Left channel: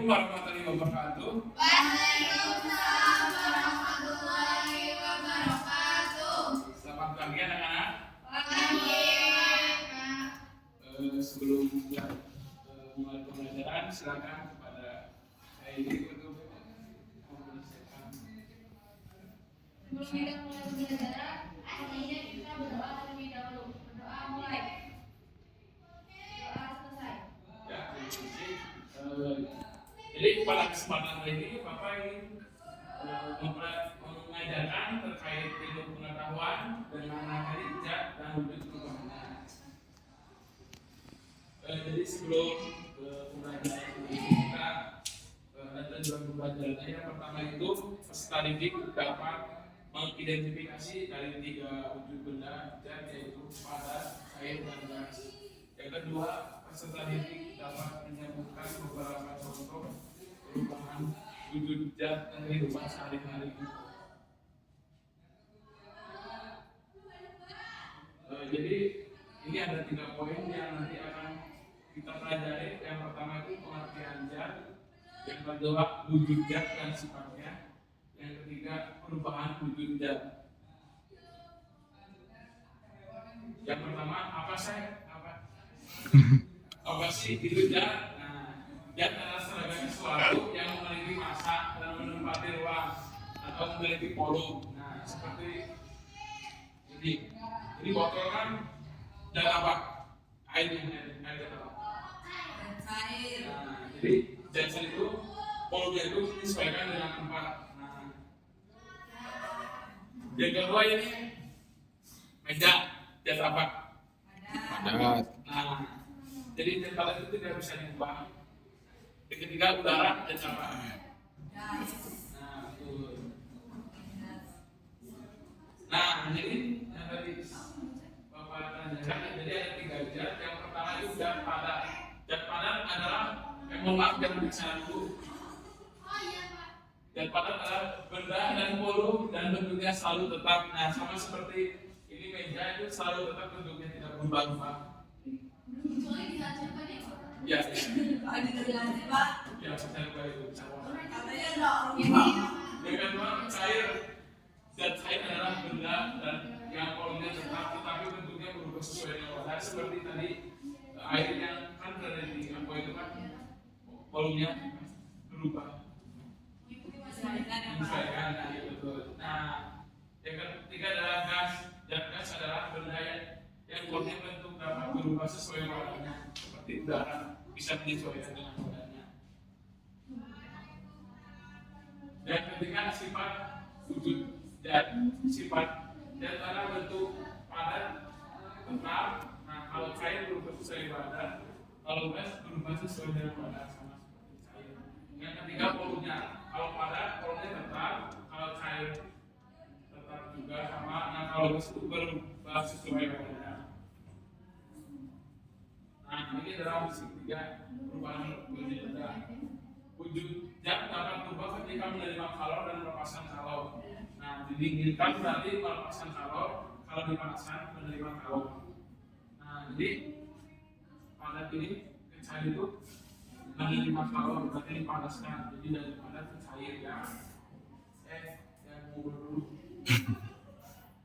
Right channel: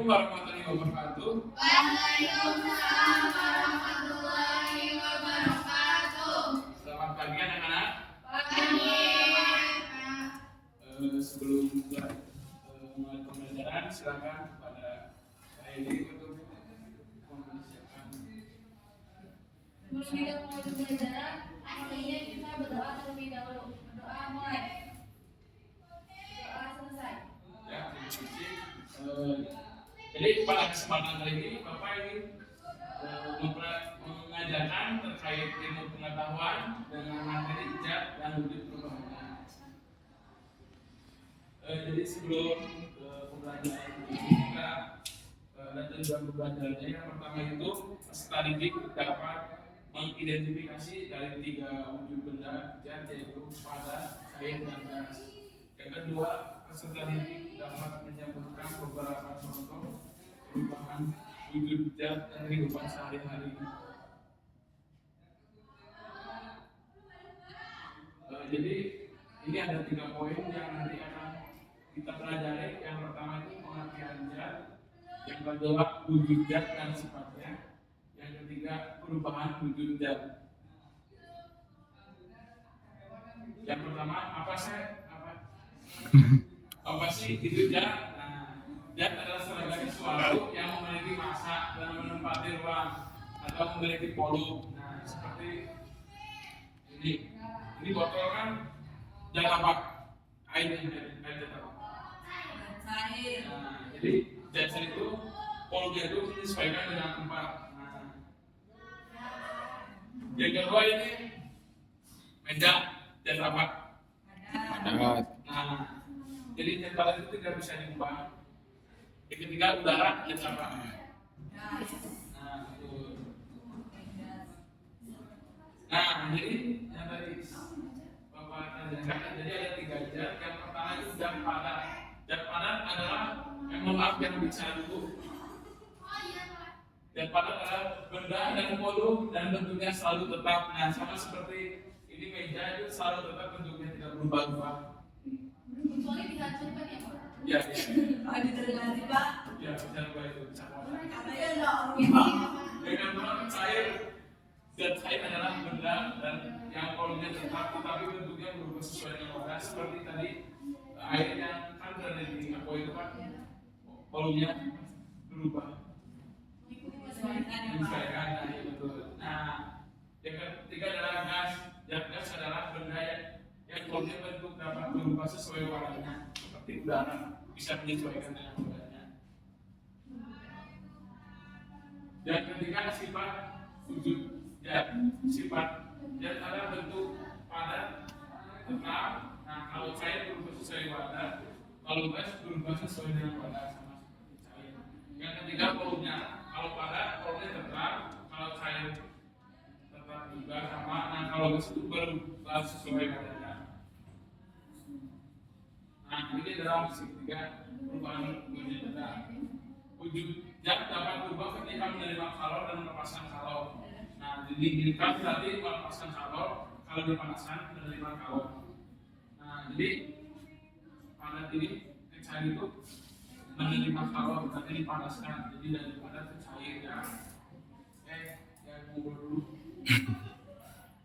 Assalamualaikum warahmatullahi wabarakatuh. Waalaikumsalam warahmatullahi wabarakatuh. Selamat pagi anak-anak. Pagi. Sebelum mulai pembelajaran, silakan kepada saya ini untuk mempersiapkan. Sebelum kita mulai pembelajaran, akhirnya kita berdoa terlebih dahulu. Berdoa mulai. Doa selesai. Ya, jadi pada kesempatan kali ini Bapak ingin mengajarkan terkait ilmu pengetahuan dengan materi ijab dan wujud perubahan. Jadi sebelum pembelajaran ini kita ada dua pembelajaran. Yang pertama itu peserta didik dapat mengidentifikasi dari tiga wujud benda ijab, yaitu pada, cair, dan gas. Yang kedua, peserta didik dapat menyebutkan beberapa contoh perubahan wujud ijab dan kehidupan sehari-hari. Jadi ini ada 3 poin yang nanti akan kita pelajari. Yang pertama itu pengertian zat, yang kedua wujud zat dan sifatnya, yang ketiga perubahan wujud zat. Yang pertama apa sih itu zat? Zat adalah segala sesuatu yang memiliki massa dan menempati ruang atau memiliki volume. Nah, seperti ini botol kan zat apa? Air zat apa? Cair. Nah, jadi zat itu volume itu disesuaikan dengan tempat. Nah, yang kedua ini meja, zat apa? Padat. Nah, jadi zat padat itu tidak bisa diubah. Yang ketiga udara, zat apa? Nah, jadi yang tadi Bapak tanyakan, jadi ada 3 zat. Yang pertama itu zat padat. Zat padat adalah yang bicara dulu. Zat padat adalah benda dan volume dan bentuknya selalu tetap. Nah, sama seperti ini meja itu selalu tetap bentuknya, tidak berubah-ubah. Soalnya dihancurkan ya Pak? Ya, diterima Pak. Ya, secara itu. Katanya enggak dengan cair. Zat cair adalah benda dan yang volumenya tetap, tetapi bentuknya berubah sesuai dengan gas. Seperti tadi air yang kan berada di aqua itu kan volumenya berubah. Menyesuaikan, betul. Nah, yang ketiga adalah gas. Gas adalah benda yang volumenya bentuk dapat berubah sesuai warnanya, seperti udara bisa menyesuaikan dengan warnanya. Dan ketiga sifat wujud zat. Sifat zat adalah bentuk padat, tetap. Nah, kalau cair berubah sesuai wadah, kalau gas berubah sesuai dengan wadah, sama seperti cair. Yang ketiga volumenya. Kalau padat volumenya tetap, kalau cair tetap juga sama. Nah, kalau gas itu berubah sesuai wadah. Nah, ini adalah tiga perubahan wujud zat. Wujud zat dapat berubah ketika menerima kalor dan melepaskan kalor. Nah, didinginkan berarti melepaskan kalor, kalau dipanaskan menerima kalor. Nah, jadi padat ini ke cair itu menerima kalor berarti dipanaskan. Jadi dari padat ke cair ya. Yang mau dulu.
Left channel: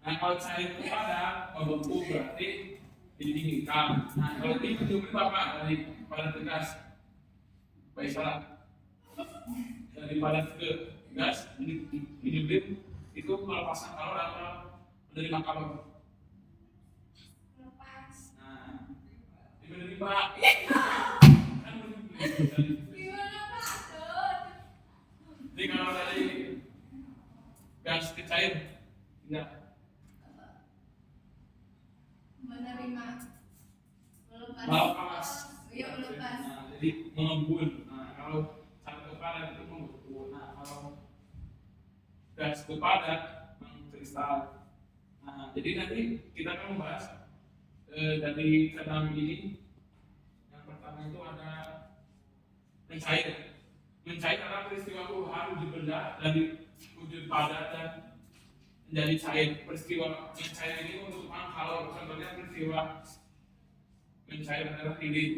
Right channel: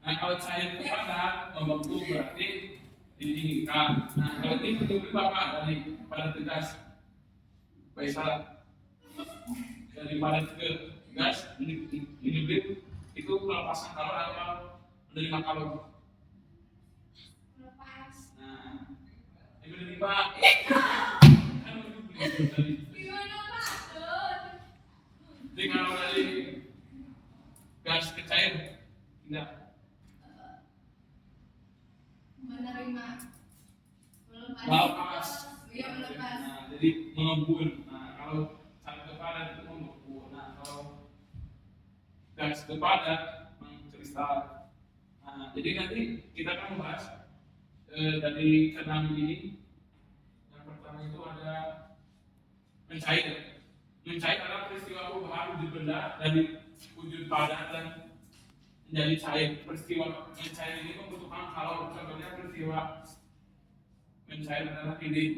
Nah, kalau cair ke padat membentuk berarti didinginkan. Nah, kalau ini bentuknya Bapak dari padat ke gas. Baik salah. Dari padat ke gas hidrogen itu melepaskan kalor atau menerima kalor? Melepas. Nah, ini menerima. Gimana Pak? Jadi kalau dari gas ke cair, enggak. Menerima. Melepas. Iya, melepas. Nah, jadi mengembun. Nah, kalau sampai ke padat itu mengembun. Nah, kalau gas ke padat mengkristal. Nah, jadi nanti kita akan membahas dari keenam ini. Yang pertama itu ada mencair. Mencair adalah peristiwa perubahan wujud benda dari wujud padat dan menjadi cair. Peristiwa mencair ini membutuhkan kalor. Contohnya peristiwa mencair adalah lilin.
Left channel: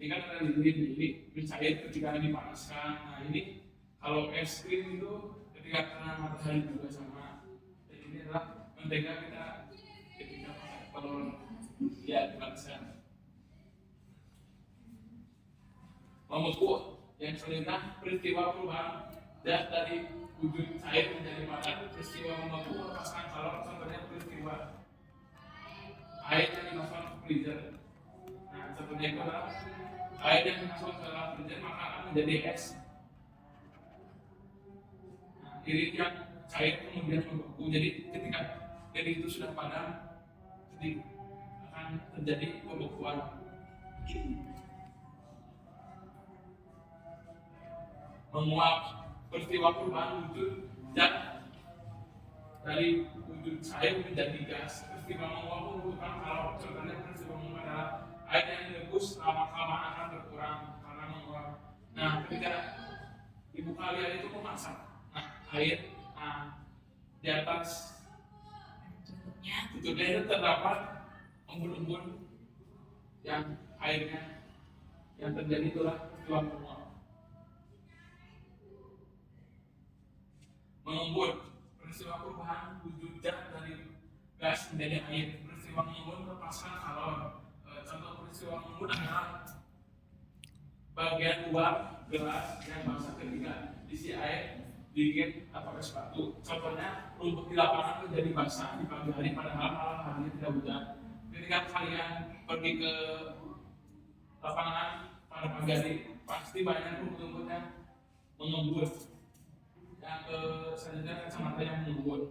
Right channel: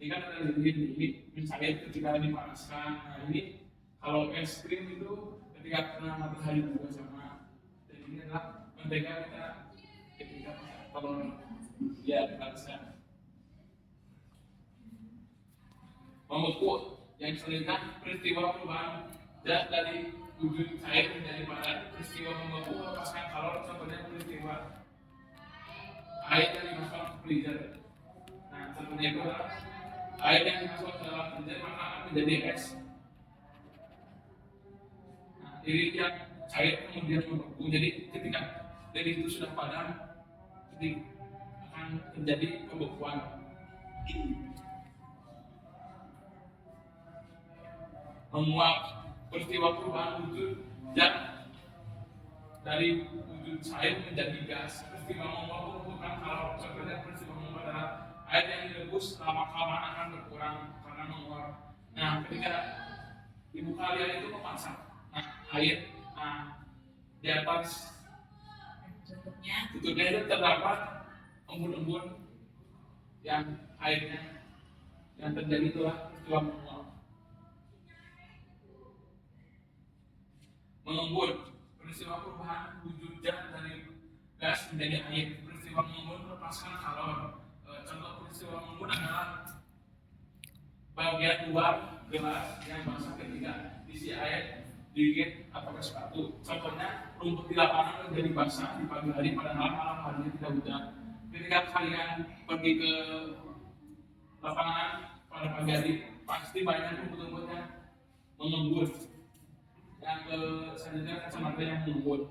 Ini kan ada ini mencair ketika dipanaskan. Nah ini kalau es krim itu ketika kena matahari juga sama. Dan ini adalah mentega kita ketika kalau ya dipanaskan. Membeku yang selanjutnya peristiwa perubahan zat dari wujud cair menjadi padat. Peristiwa membeku melepaskan kalor, contohnya peristiwa air yang dimasukkan ke freezer. Nah, contohnya itu adalah air yang dimasukkan ke dalam freezer maka akan menjadi es. Nah, irit yang cair kemudian membeku. Jadi ketika irit itu sudah padam, jadi akan terjadi pembekuan. Menguap peristiwa perubahan wujud zat dari wujud cair menjadi gas. Peristiwa menguap membutuhkan kalor. Contohnya peristiwa menguap adalah air yang direbus lama-kelamaan akan berkurang karena menguap. Nah, ketika ibu kalian itu memasak, nah air, di atas tutupnya itu terdapat embun-embun yang airnya yang terjadi itulah peristiwa menguap. Mengembun peristiwa perubahan wujud zat dari gas menjadi air. Peristiwa mengembun melepaskan kalor. Contoh peristiwa mengembun adalah bagian luar gelas yang basah ketika diisi air dingin atau es batu. Contohnya rumput di lapangan menjadi basah di pagi hari padahal malam harinya tidak hujan. Ketika kalian pergi ke lapangan pada pagi hari pasti banyak rumput-rumputnya mengembun. Yang selanjutnya kacamata yang mengembun.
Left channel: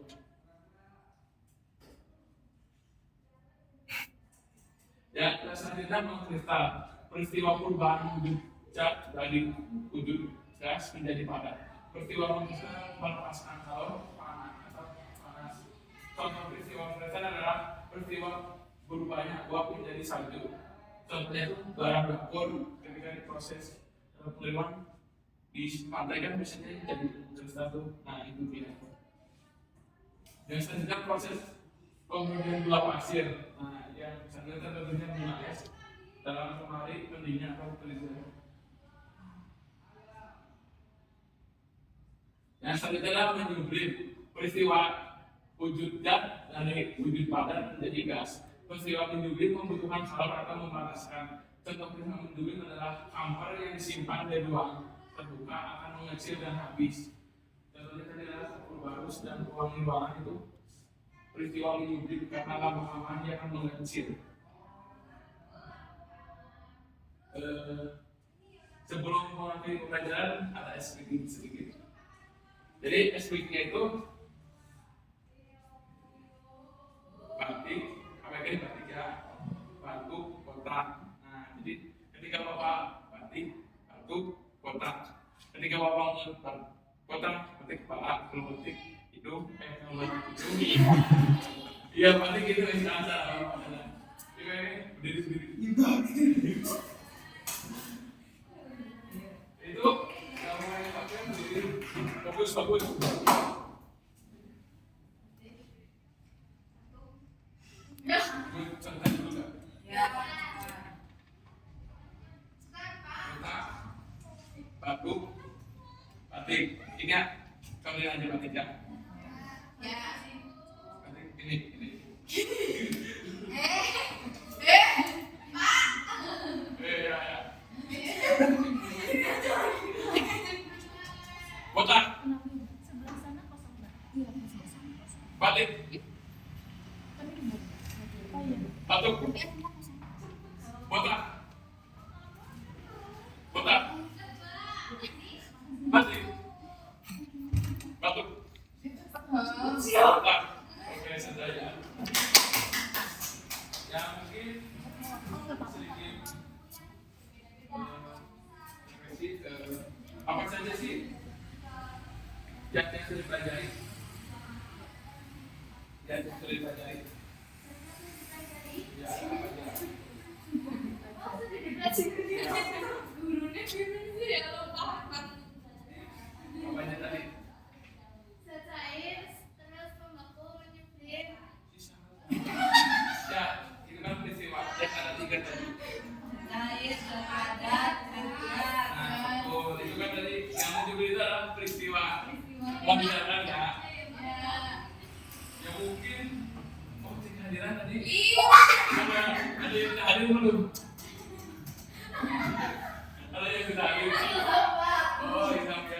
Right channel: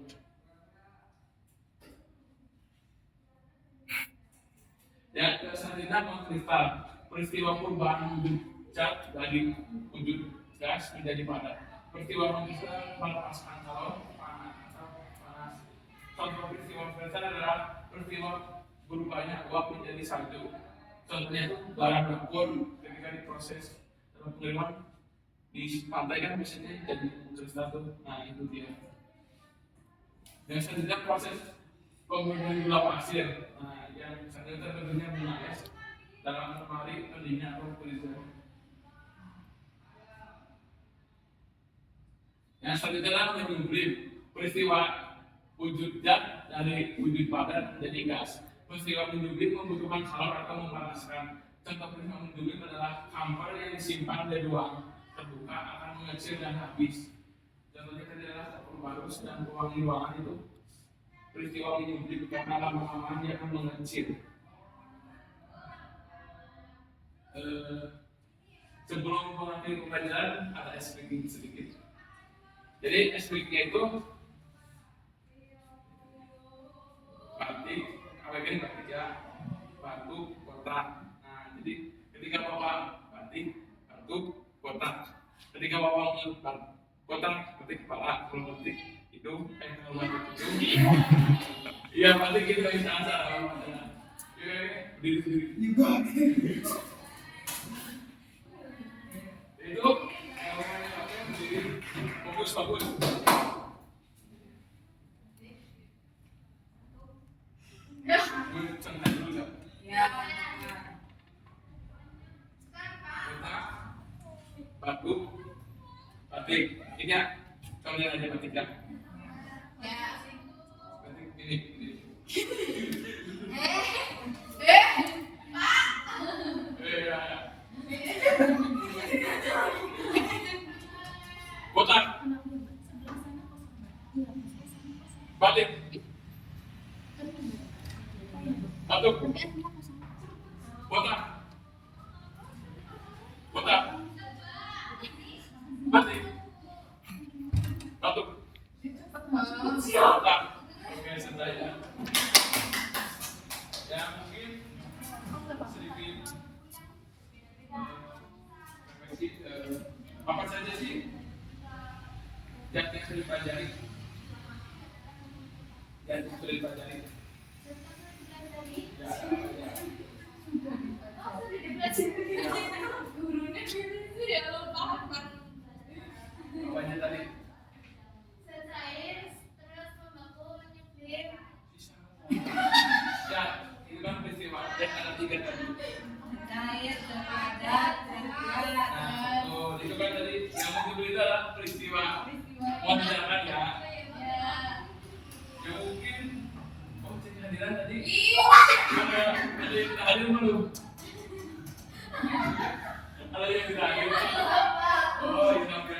Dan selanjutnya mengkristal. Peristiwa perubahan wujud zat dari wujud gas menjadi padat. Peristiwa mengkristal melepaskan kalor atau panas. Contoh peristiwa mengkristal adalah peristiwa berubahnya uap menjadi salju. Contohnya barang dapur ketika diproses dalam pengiriman di pantai kan biasanya jadi kristal tuh. Nah itu dia. Yang selanjutnya proses pembuatan gula pasir. Nah yang selanjutnya tentunya gula es dalam lemari pendingin atau freezer. Yang selanjutnya adalah menyublim. Peristiwa wujud zat dari wujud padat menjadi gas. Peristiwa menyublim membutuhkan kalor atau memanaskan. Contoh peristiwa menyublim adalah kamar yang disimpan di ruang terbuka akan mengecil dan habis. Contohnya adalah barus dan pewangi ruangan itu peristiwa menyublim karena lama-lama dia akan mengecil. Sebelum mengakhiri pembelajaran ada explaining sedikit. Jadi explainingnya itu batik, KWG batik ya, batu, kotak. Nah jadi ketika bapak batik, batu, kotak. Ketika bapak mengangkat kotak, batik kepala, kalau batik hidung, kalau batik hidung. Iya batik itu yang salah. Diri sendiri. Itu yang pakai berdiri fokus. Santai dulu kan? Ya. Batu, batik. Ingat, kamu lihat aja batik kan? Ya. Batik ini. Kotak. Batik. Batuk. Kotak. Kotak. Batik. Batuk. Kotak. Oke, santai ya. Ya mungkin sedikit apa saja sih yang sudah dipelajari? Yang sudah dipelajari? Ya, apanya tadi? Secair, terus membaku, menyepir. Ya, itu kan peristiwa. Dan ada 3 tadi. Cair, ada itu adalah peristiwa wajar ya. Ya mungkin cek kehadiran tadi. Ada yang tak hadir belum? Ada yang tidak hadir. Oh, ini sampai